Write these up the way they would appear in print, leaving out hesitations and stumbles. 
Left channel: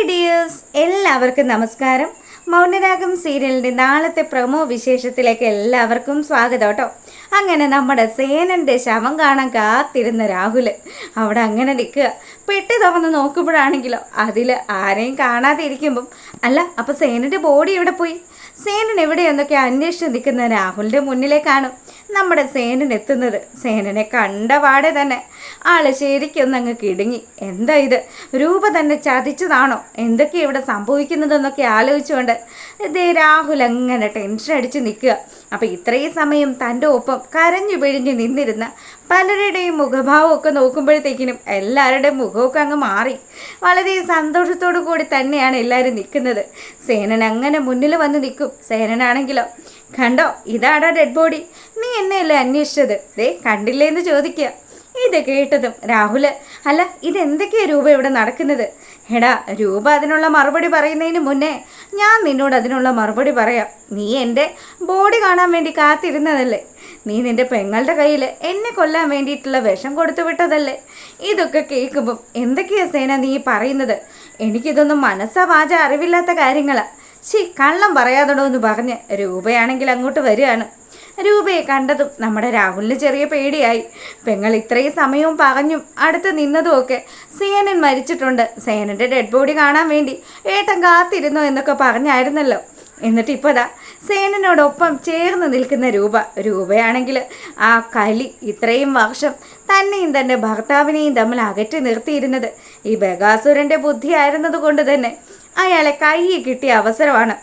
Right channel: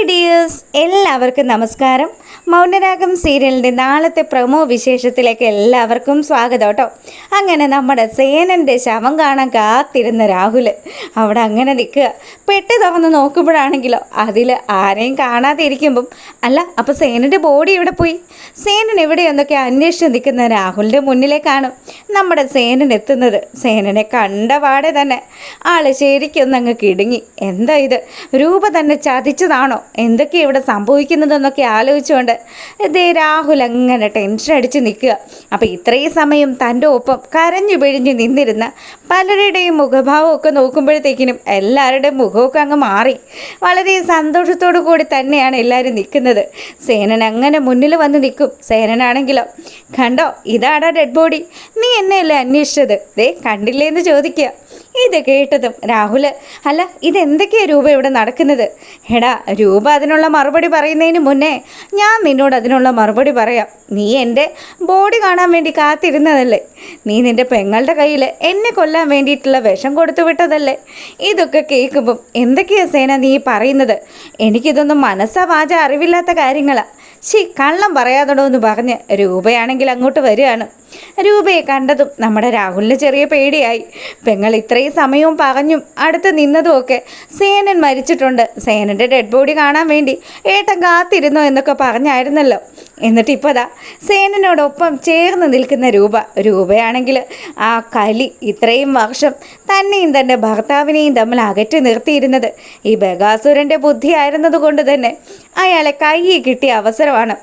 Hi dears, എല്ലാവർക്കും നമസ്കാരം. മൗനരാഗം സീരിയലിൻ്റെ നാളത്തെ പ്രൊമോ വിശേഷത്തിലേക്ക് എല്ലാവർക്കും സ്വാഗതം കേട്ടോ. അങ്ങനെ നമ്മുടെ സേനൻ്റെ ശവം കാണാൻ കാത്തിരുന്ന രാഹുൽ അവിടെ അങ്ങനെ നിൽക്കുക. പെട്ടി തുറന്ന് നോക്കുമ്പോഴാണെങ്കിലോ അതിൽ ആരെയും കാണാതെ ഇരിക്കുമ്പം അല്ല, അപ്പോൾ സേനൻ്റെ ബോഡി എവിടെ പോയി? സേനൻ എവിടെയെന്നൊക്കെ അന്വേഷിച്ച് നിൽക്കുന്ന രാഹുലിൻ്റെ മുന്നിലേക്കാണ് നമ്മുടെ സേനൻ എത്തുന്നത്. സേനനെ കണ്ട പാടെ തന്നെ ആള് ശരിക്കൊന്നങ്ങ് കിടുങ്ങി. എന്താ ഇത്, രൂപ തന്നെ ചതിച്ചതാണോ, എന്തൊക്കെയാണ് ഇവിടെ സംഭവിക്കുന്നതെന്നൊക്കെ ആലോചിച്ചുകൊണ്ട് ഇതേ രാഹുൽ അങ്ങനെ ടെൻഷൻ അടിച്ച് നിൽക്കുക. അപ്പോൾ ഇത്രയും സമയം തൻ്റെ ഒപ്പം കരഞ്ഞു പിഴിഞ്ഞ് നിന്നിരുന്ന പലരുടെയും മുഖഭാവമൊക്കെ നോക്കുമ്പോഴത്തേക്കിനും എല്ലാവരുടെയും മുഖമൊക്കെ അങ്ങ് മാറി. വളരെ സന്തോഷത്തോടു കൂടി തന്നെയാണ് എല്ലാവരും നിൽക്കുന്നത്. സേനൻ അങ്ങനെ മുന്നിൽ വന്ന് നിൽക്കും. സേനനാണെങ്കിലോ, കണ്ടോ ഇതാടാ ഡെഡ് ബോഡി, നീ എന്നെയല്ലേ അന്വേഷിച്ചത്, ദേ കണ്ടില്ലേ എന്ന് ചോദിക്കുക. ഇത് കേട്ടതും രാഹുൽ, അല്ല ഇതെന്തൊക്കെയാണ് രൂപ ഇവിടെ നടക്കുന്നത്? എടാ രൂപ അതിനുള്ള മറുപടി പറയുന്നതിന് മുന്നേ ഞാൻ നിന്നോട് അതിനുള്ള മറുപടി പറയാം. നീ എൻ്റെ ബോഡി കാണാൻ വേണ്ടി കാത്തിരുന്നതല്ലേ? നീ നിൻ്റെ പെങ്ങളുടെ കയ്യിൽ എന്നെ കൊല്ലാൻ വേണ്ടിയിട്ടുള്ള വിഷം കൊടുത്തു വിട്ടതല്ലേ? ഇതൊക്കെ കേൾക്കുമ്പം എന്തൊക്കെയാണ് സേന നീ പറയുന്നത്? എനിക്കിതൊന്നും മനസ്സാ വാച അറിവില്ലാത്ത കാര്യങ്ങളാണ്. കള്ളം പറയാതടോ എന്ന് പറഞ്ഞ് രൂപയാണെങ്കിൽ അങ്ങോട്ട് വരികയാണ്. രൂപയെ കണ്ടതും നമ്മുടെ രാഹുലിന് ചെറിയ പേടിയായി. പെങ്ങൾ ഇത്രയും സമയവും പറഞ്ഞും അടുത്ത് നിന്നതുമൊക്കെ സേനൻ മരിച്ചിട്ടുണ്ട്, സേനൻ്റെ ഡെഡ് ബോഡി കാണാൻ വേണ്ടി ഏട്ടൻ കാത്തിരുന്നു എന്നൊക്കെ പറഞ്ഞായിരുന്നല്ലോ. എന്നിട്ട് ഇപ്പോൾ ദാ സേനനോടൊപ്പം ചേർന്ന് നിൽക്കുന്ന രൂപയാണെങ്കിൽ ആ കലി ഇത്രയും വർഷം തന്നെയും തൻ്റെ ഭർത്താവിനെയും തമ്മിൽ അകറ്റി നിർത്തിയിരുന്നത് ഈ ബഗാസുരൻ്റെ ബുദ്ധിയായിരുന്നത് കൊണ്ട് തന്നെ അയാളെ കയ്യിൽ കിട്ടിയ അവസരമാണ്.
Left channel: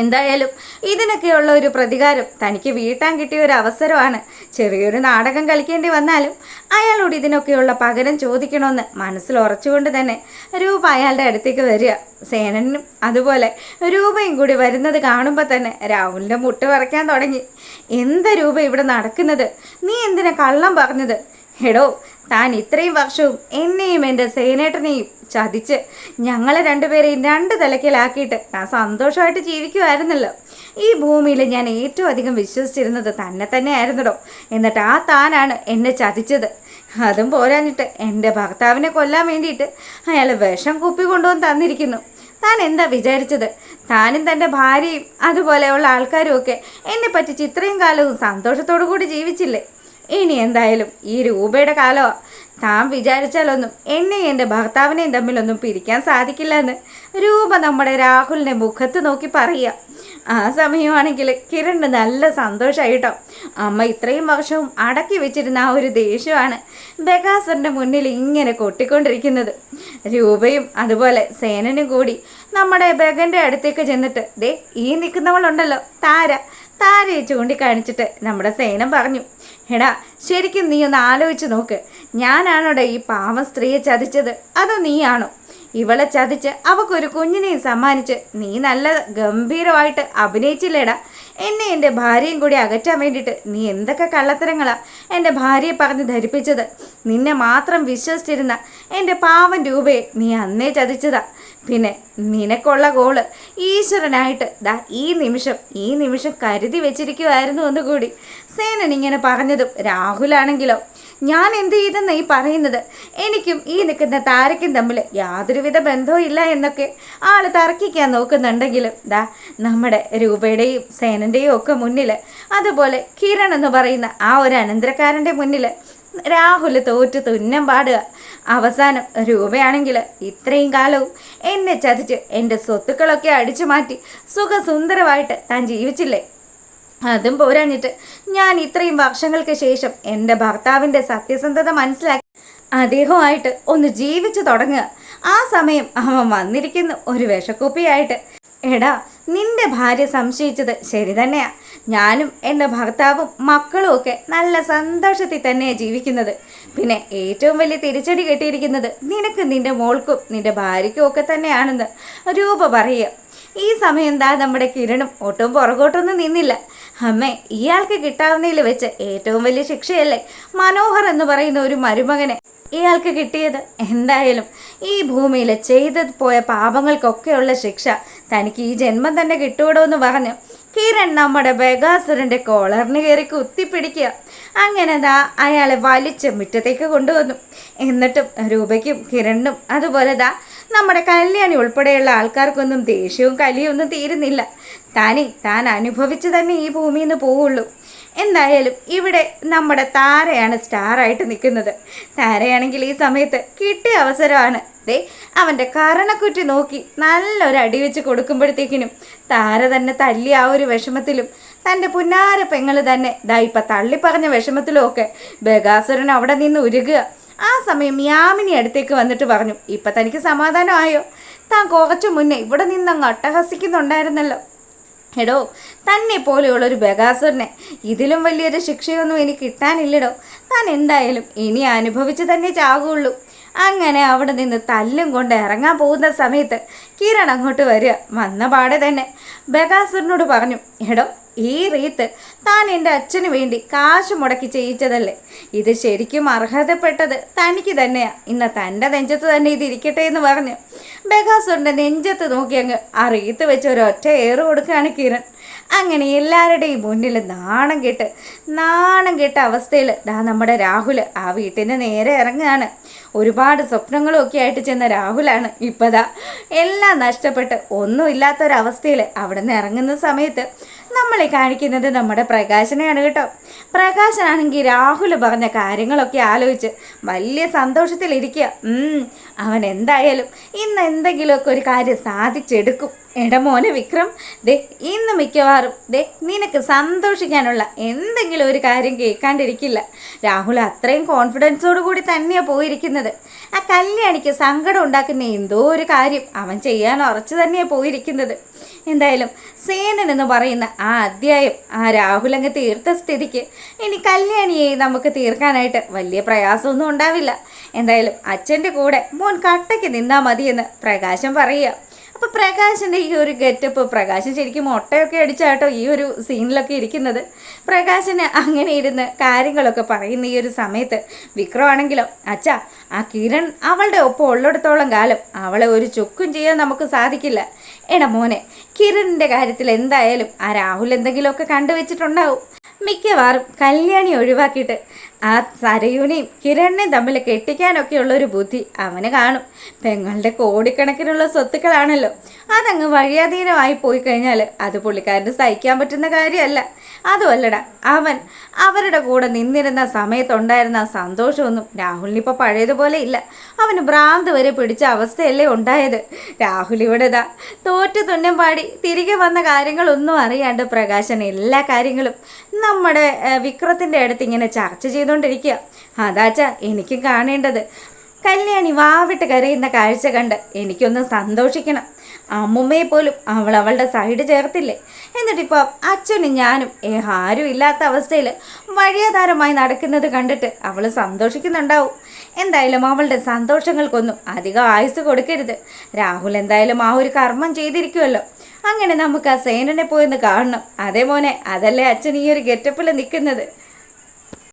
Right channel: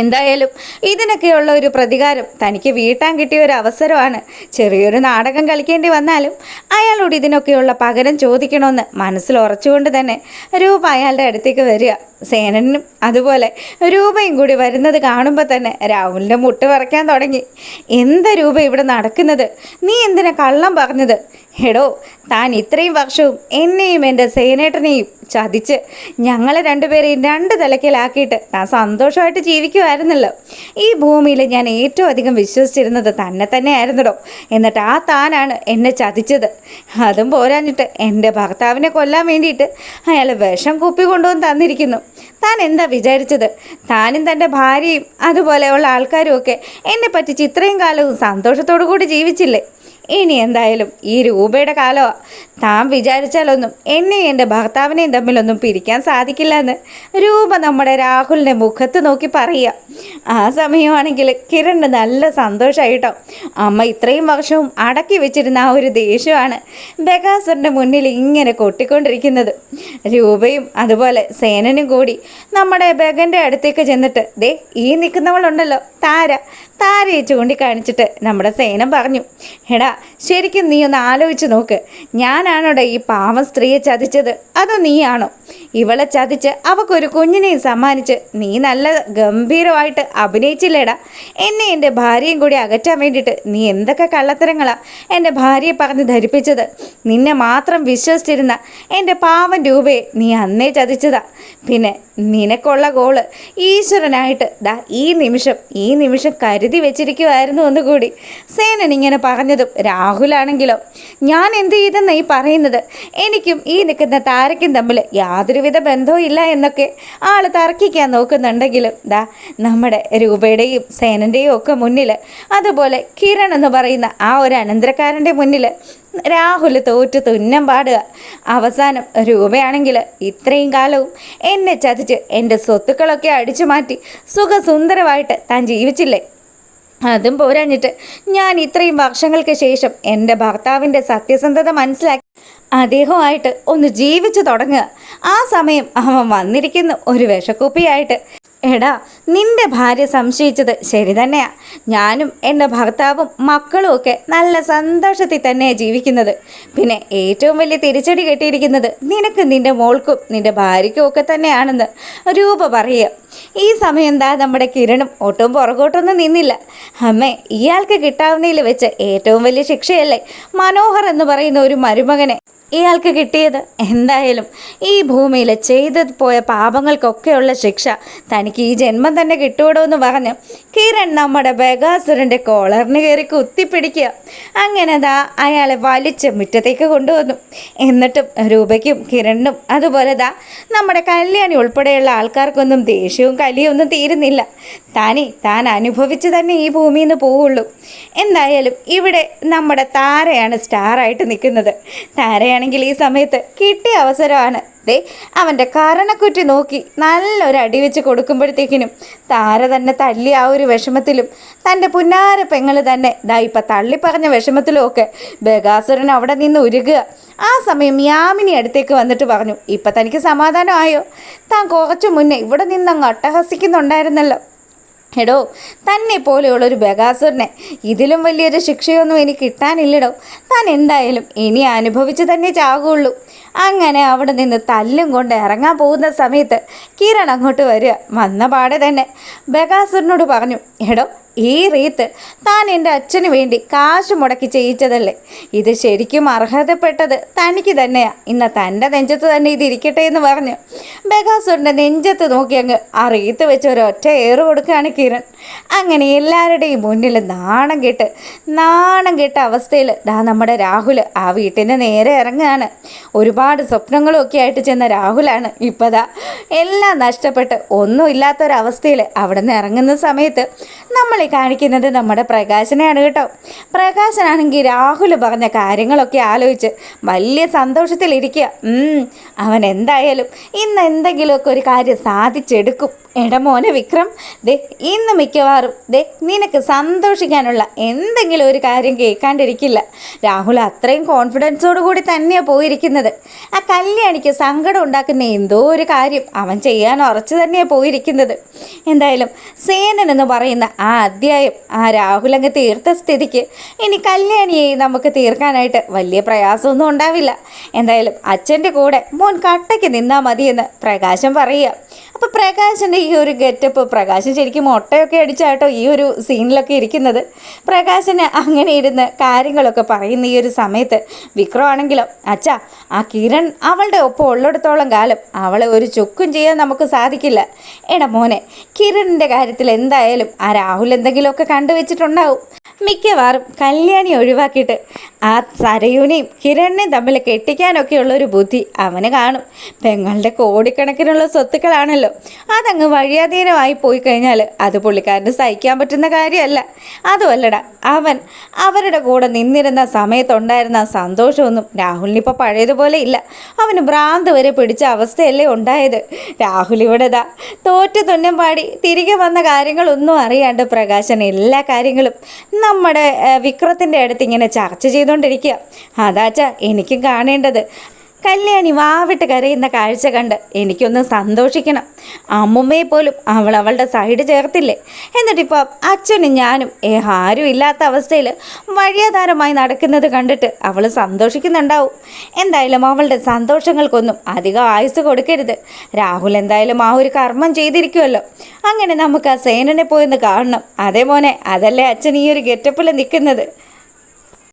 എന്തായാലും ഇതിനൊക്കെയുള്ള ഒരു പ്രതികാരം തനിക്ക് വീട്ടാൻ കിട്ടിയ ഒരു അവസരമാണ്. ചെറിയൊരു നാടകം കളിക്കേണ്ടി വന്നാലും അയാളോട് ഇതിനൊക്കെയുള്ള പകരം ചോദിക്കണമെന്ന് മനസ്സിൽ ഉറച്ചുകൊണ്ട് തന്നെ രൂപ അയാളുടെ അടുത്തേക്ക് വരിക. സേനനും അതുപോലെ രൂപയും കൂടി വരുന്നത് കാണുമ്പോൾ തന്നെ രാഹുലിൻ്റെ മുട്ട് വിറയ്ക്കാൻ തുടങ്ങി. എന്താ രൂപ ഇവിടെ നടക്കുന്നത്? നീ എന്തിനാ കള്ളം പറഞ്ഞത്? എടോ, താൻ ഇത്രയും വർഷവും എന്നെയും എൻ്റെ സേനേട്ടനെയും ചതിച്ച് ഞങ്ങളെ രണ്ടുപേരെയും രണ്ട് തലക്കിലാക്കിയിട്ട് താൻ സന്തോഷമായിട്ട് ജീവിക്കുമായിരുന്നല്ലോ. ഈ ഭൂമിയിൽ ഞാൻ ഏറ്റവും അധികം വിശ്വസിച്ചിരുന്നത് തന്നെ ആയിരുന്നടോ. എന്നിട്ട് ആ താനാണ് എന്നെ ചതിച്ചത്. അതും പോരാഞ്ഞിട്ട് എൻ്റെ ഭർത്താവിനെ കൊല്ലാൻ വേണ്ടിയിട്ട് അയാൾ വിഷം കുപ്പി കൊണ്ടുവന്ന് തന്നിരിക്കുന്നു. താൻ എന്താ വിചാരിച്ചത്? താനും തൻ്റെ ഭാര്യയും അതുപോലെയുള്ള ആൾക്കാരും ഒക്കെ എന്നെ പറ്റിച്ച് ഇത്രയും കാലവും സന്തോഷത്തോടു കൂടി ജീവിച്ചില്ലേ? ഇനി എന്തായാലും ഈ രൂപയുടെ കാലമാണ്. താൻ വിചാരിച്ചാലൊന്നും എന്നെയും എൻ്റെ ഭർത്താവിനെയും തമ്മിലൊന്നും പിരിക്കാൻ സാധിക്കില്ല എന്ന് രൂപ നമ്മുടെ രാഹുലിൻ്റെ മുഖത്ത് നോക്കി പറയുക. ആ സമയമാണെങ്കിൽ കിരണ് നല്ല സന്തോഷമായിട്ടോ. അമ്മ ഇത്രയും വർഷവും അടക്കി വെച്ചിരുന്ന ആ ഒരു ദേഷ്യമാണ് ബഗാസറിൻ്റെ മുന്നിൽ ഇങ്ങനെ കൊട്ടിക്കൊണ്ടിരിക്കുന്നത്. രൂപയും അതുപോലെ സേനനും കൂടി നമ്മുടെ ബഗൻ്റെ അടുത്തേക്ക് ചെന്നിട്ട് ദേ ഈ നിൽക്കുന്നവളുണ്ടല്ലോ താരയെ ചൂണ്ടിക്കാണിച്ചിട്ട് നമ്മുടെ സേനം പറഞ്ഞു, എടാ ശരിക്കും നീ ഒന്ന് ആലോചിച്ച് നോക്ക്. ഞാനാണോടെ ഈ പാവം സ്ത്രീയെ ചതിച്ചത്, അതോ നീയാണോ? ഇവളെ ചതിച്ച് അവൾക്കൊരു കുഞ്ഞിനെയും സമ്മാനിച്ച് നീ നല്ല ഗംഭീരമായിട്ട് അഭിനയിച്ചില്ലേടാ. എന്നെ എൻ്റെ ഭാര്യയും കൂടി അകറ്റാൻ വേണ്ടിയിട്ട് നീ എന്തൊക്കെ കള്ളത്തരങ്ങളാണ് എൻ്റെ ഭാര്യയെ പറഞ്ഞ് ധരിപ്പിച്ചത്. നിന്നെ മാത്രം വിശ്വസിച്ചിരുന്ന എൻ്റെ പാവം രൂപയെ നീ അന്നേ ചതിച്ചതാ. പിന്നെ നിനക്കുള്ള ഗോള് ഈശ്വരനായിട്ട് ദാ ഈ നിമിഷം കരുതി വെച്ചിരിക്കുമായിരുന്നു ഒന്നുകൂടി. സേനൻ ഇങ്ങനെ പറഞ്ഞതും രാഹുലാണെങ്കിലോ, ഞാൻ എന്ത് ചെയ്തെന്ന് ഈ പറയുന്നത്? എനിക്കും ഈ നിൽക്കുന്ന താരയ്ക്കും തമ്മിൽ യാതൊരുവിധ ബന്ധവും ഇല്ല എന്നൊക്കെ ആൾ തർക്കിക്കാൻ നോക്കുന്നുണ്ടെങ്കിലും ദാ നമ്മുടെ രൂപയുടെയും സേനൻ്റെയും ഒക്കെ മുന്നിൽ, അതുപോലെ കിരൺ എന്ന് പറയുന്ന ആ ഒരു അനന്തരക്കാരൻ്റെ മുന്നിൽ രാഹുൽ തോറ്റു തുന്നം പാടുക. അവസാനം രൂപയാണെങ്കിൽ ഇത്രയും കാലവും എന്നെ ചതിച്ച് എൻ്റെ സ്വത്തുക്കളൊക്കെ അടിച്ചു മാറ്റി സുഖസുന്ദരമായിട്ട് താൻ ജീവിച്ചില്ലേ? അതും പോരാഞ്ഞിട്ട് ഞാൻ ഇത്രയും വർഷങ്ങൾക്ക് ശേഷം എൻ്റെ ഭർത്താവിൻ്റെ സത്യസന്ധത മനസ്സിലാക്കി അദ്ദേഹമായിട്ട് ഒന്ന് ജീവിച്ചു തുടങ്ങുക. ആ സമയം അവൻ വന്നിരിക്കുന്നു ഒരു വിഷക്കുപ്പിയായിട്ട്. എടാ, നിന്റെ ഭാര്യ സംശയിച്ചത് ശരി തന്നെയാ. ഞാനും എൻ്റെ ഭർത്താവും മക്കളും ഒക്കെ നല്ല സന്തോഷത്തിൽ തന്നെയാണ് ജീവിക്കുന്നത്. പിന്നെ ഏറ്റവും വലിയ തിരിച്ചടി കെട്ടിയിരിക്കുന്നത് നിനക്കും നിൻ്റെ മോൾക്കും നിൻ്റെ ഭാര്യയ്ക്കും ഒക്കെ തന്നെയാണെന്ന് രൂപ പറയുക. ഈ സമയം എന്താ നമ്മുടെ കിരണും ഒട്ടും പുറകോട്ടൊന്നും നിന്നില്ല. അമ്മേ, ഇയാൾക്ക് കിട്ടാവുന്നതിൽ വെച്ച് ഏറ്റവും വലിയ ശിക്ഷയല്ലേ മനോഹർ എന്ന് പറയുന്ന ഒരു മരുമകനെ ഇയാൾക്ക് കിട്ടിയത്? എന്തായാലും ഈ ഭൂമിയിൽ ചെയ്തു പോയ പാപങ്ങൾക്കൊക്കെയുള്ള ശിക്ഷ തനിക്ക് ഈ ജന്മം തന്നെ കിട്ടുവിടോ എന്ന് പറഞ്ഞ് കിരൺ നമ്മുടെ ബഗാസുരൻ്റെ കോളറിന് കയറി കുത്തിപ്പിടിക്കുക. അങ്ങനെ ദാ അയാളെ വലിച്ച് മുറ്റത്തേക്ക് കൊണ്ടുവന്നു. എന്നിട്ടും രൂപയ്ക്കും കിരണിനും അതുപോലെ ദാ നമ്മുടെ കല്യാണി ഉൾപ്പെടെയുള്ള ആൾക്കാർക്കൊന്നും ദേഷ്യവും കലിയും ഒന്നും തീരുന്നില്ല. താൻ അനുഭവിച്ച് തന്നെ ഈ ഭൂമിയിൽ നിന്ന് പോവുള്ളൂ. എന്തായാലും ഇവിടെ നമ്മുടെ താരയാണ് സ്റ്റാറായിട്ട് നിൽക്കുന്നത്. താരയാണെങ്കിൽ ഈ സമയത്ത് കിട്ടിയ അവസരമാണ്. അവൻ്റെ കരണക്കുറ്റി നോക്കി നല്ലൊരു അടി വെച്ച് കൊടുക്കുമ്പോഴത്തേക്കിനും താര തന്നെ തല്ലി ആ ഒരു വിഷമത്തിലും തൻ്റെ പുന്നാര പെങ്ങൾ തന്നെ ഇപ്പം തള്ളിപ്പറഞ്ഞ വിഷമത്തിലും ഒക്കെ ബഗാസുരൻ അവിടെ നിന്ന് ഉരുകുക. ആ സമയം യാമിനി അടുത്തേക്ക് വന്നിട്ട് പറഞ്ഞു, ഇപ്പം തനിക്ക് സമാധാനമായോ? താൻ കുറച്ചു മുന്നേ ഇവിടെ നിന്നങ്ങ് അട്ടഹസിക്കുന്നുണ്ടായിരുന്നല്ലോ. എടോ, തന്നെ പോലെയുള്ളൊരു ബഗാസുരനെ ഇതിലും വലിയൊരു ശിക്ഷയൊന്നും എനിക്ക് കിട്ടാനില്ലടോ. താൻ എന്തായാലും ഇനി അനുഭവിച്ച് തന്നെ ചാകുള്ളൂ. അങ്ങനെ അവിടെ നിന്ന് തല്ലും കൊണ്ട് ഇറങ്ങാൻ പോകുന്ന സമയത്ത് കിരൺ അങ്ങോട്ട് വരിക. വന്ന പാടെ തന്നെ ബഗാസുരനോട് പറഞ്ഞു, എടോ, ഈ റീത്ത് താൻ എൻ്റെ അച്ഛന് വേണ്ടി കാശ് മുടക്കി ചെയ്യിച്ചതല്ലേ? ഇത് ശരിക്കും അർഹതപ്പെട്ടത് തനിക്ക് തന്നെയാണ്. ഇന്ന് തൻ്റെ നെഞ്ചത്ത് തന്നെ ഇതിരിക്കട്ടെ എന്ന് പറഞ്ഞ് ബഗാസുരൻ്റെ നെഞ്ചത്ത് നോക്കി അങ്ങ് ആ റീത്ത് വെച്ച് ഒരൊറ്റ ഏറ് കൊടുക്കുകയാണ് കിരൺ. അങ്ങനെ എല്ലാവരുടെയും മുന്നിൽ നാണം കെട്ട അവസ്ഥയിൽ നമ്മുടെ രാഹുൽ ആ വീട്ടിന് നേരെ ഇറങ്ങുകയാണ്. ഒരുപാട് സ്വപ്നങ്ങളൊക്കെ ആയിട്ട് ചെന്ന രാഹുലാണ് ഇപ്പതാ എല്ലാം നഷ്ടപ്പെട്ട് ഒന്നുമില്ലാത്തൊരവസ്ഥയിൽ അവിടെ നിന്ന് ഇറങ്ങുന്ന സമയത്ത് നമ്മളെ കാണിക്കുന്നത് നമ്മുടെ പ്രകാശനെയാണ് കേട്ടോ. പ്രകാശനാണെങ്കിൽ രാഹുൽ പറഞ്ഞ കാര്യങ്ങളൊക്കെ ആലോചിച്ച് വലിയ സന്തോഷത്തിലിരിക്കുക. അവൻ എന്തായാലും ഇന്ന് എന്തെങ്കിലുമൊക്കെ ഒരു കാര്യം സാധിച്ചെടുക്കും. എടമോനെ വിക്രം, ഇന്ന് മിക്കവാറും നിനക്ക് സന്തോഷിക്കാനുള്ള എന്തെങ്കിലും ഒരു കാര്യം കേൾക്കാണ്ടിരിക്കില്ല. രാഹുൽ അത്രയും കോൺഫിഡൻസോടു കൂടി തന്നെയാണ് പോയിരിക്കുന്നത്. ആ കല്യാണിക്ക് സങ്കടം ഉണ്ടാക്കുന്ന എന്തോ ഒരു കാര്യം അവൻ ചെയ്യാൻ ഉറച്ചു തന്നെയാണ് പോയിരിക്കുന്നത്. എന്തായാലും സേനൻ എന്ന് പറയുന്ന ആ അധ്യായം ആ രാഹുൽ അങ്ങ് തീർത്ത സ്ഥിതിക്ക് ഇനി കല്യാണിയെ നമുക്ക് തീർക്കാനായിട്ട് വലിയ പ്രയാസമൊന്നും ഉണ്ടാവില്ല. എന്തായാലും അച്ഛൻ്റെ കൂടെ മോൻ കട്ടയ്ക്ക് നിന്നാൽ മതിയെന്ന് പ്രകാശം പറയുക. അപ്പോൾ പ്രകാശിൻ്റെ ഈ ഒരു ഗെറ്റപ്പ്, പ്രകാശൻ ശരിക്കും മുട്ടയൊക്കെ അടിച്ചാട്ടോ ഈ ഒരു സീനിലൊക്കെ ഇരിക്കുന്നത്. പ്രകാശന് അങ്ങനെ ഇരുന്ന് കാര്യങ്ങളൊക്കെ പറയുന്ന ഈ ഒരു സമയത്ത് വിക്രമാണെങ്കിലോ, അച്ഛാ, ആ കിരൺ അവളുടെ ഒപ്പം ഉള്ളിടത്തോളം കാലം അവളെ ഒരു ചുക്കും ചെയ്യാൻ നമുക്ക് സാധിക്കില്ല. എടാ മോനെ, കിരണിൻ്റെ കാര്യത്തിൽ എന്തായാലും ആ രാഹുൽ എന്തെങ്കിലുമൊക്കെ കണ്ടുവച്ചിട്ടുണ്ടാവും. മിക്കവാറും കല്യാണി ഒഴിവാക്കിയിട്ട് ആ സരയുനെയും കിരണിനെയും തമ്മിൽ കെട്ടിക്കാനൊക്കെയുള്ളൊരു ബുദ്ധി അവന് കാണും. പെങ്ങളുടെ കോടിക്കണക്കിനുള്ള സ്വത്തുക്കളാണല്ലോ, അതങ്ങ് വഴിയാധീനമായി പോയി കഴിഞ്ഞാൽ അത് പുള്ളിക്കാരന് സഹിക്കാൻ പറ്റുന്ന കാര്യമല്ല. അതുമല്ലടാ, അവൻ അവരുടെ കൂടെ നിന്നിരുന്ന സമയത്തുണ്ടായിരുന്ന സന്തോഷമൊന്നും രാഹുലിനിപ്പോൾ പഴയതുപോലെ ഇല്ല. അവന് ഭ്രാന്ത് വരെ പിടിച്ച അവസ്ഥയല്ലേ ഉണ്ടായത്. രാഹുൽ ഇവിടെ തോറ്റു തുന്നം പാടി തിരികെ വന്ന കാര്യങ്ങളൊന്നും അറിയാണ്ട് പ്രകാശൻ എല്ലാ കാര്യങ്ങളും നമ്മുടെ വിക്രത്തിൻ്റെ അടുത്ത് ഇങ്ങനെ ചർച്ച ചെയ്തുകൊണ്ടിരിക്കുക. അതാച്ചാ എനിക്കും കാണേണ്ടത്. കല്യാണി വാവിട്ട് കരയുന്ന കാഴ്ച കണ്ട് എനിക്കൊന്ന് സന്തോഷിക്കണം. അമ്മുമ്മയെ പോലും അവളുടെ സൈഡ് ചേർത്തില്ലേ. എന്നിട്ടിപ്പോൾ അച്ഛനും ഞാനും ആരും ഇല്ലാത്ത അവസ്ഥയിൽ വഴിയാധാരമായി നടക്കുന്നത് കണ്ടിട്ട് അവൾ സന്തോഷിക്കുന്നുണ്ടാവും. എന്തായാലും അവളുടെ സന്തോഷങ്ങൾക്കൊന്നും അധികം ആയുസ് കൊടുക്കരുത്. രാഹുൽ എന്തായാലും ആ ഒരു കർമ്മം ചെയ്തിരിക്കുമല്ലോ. അങ്ങനെ നമുക്ക് ആ സേനനെ പോയെന്ന് കാണണം. അതേ മോനെ, അതല്ലേ അച്ഛൻ ഈ ഒരു ഗെറ്റപ്പിൽ നിൽക്കുന്നത്.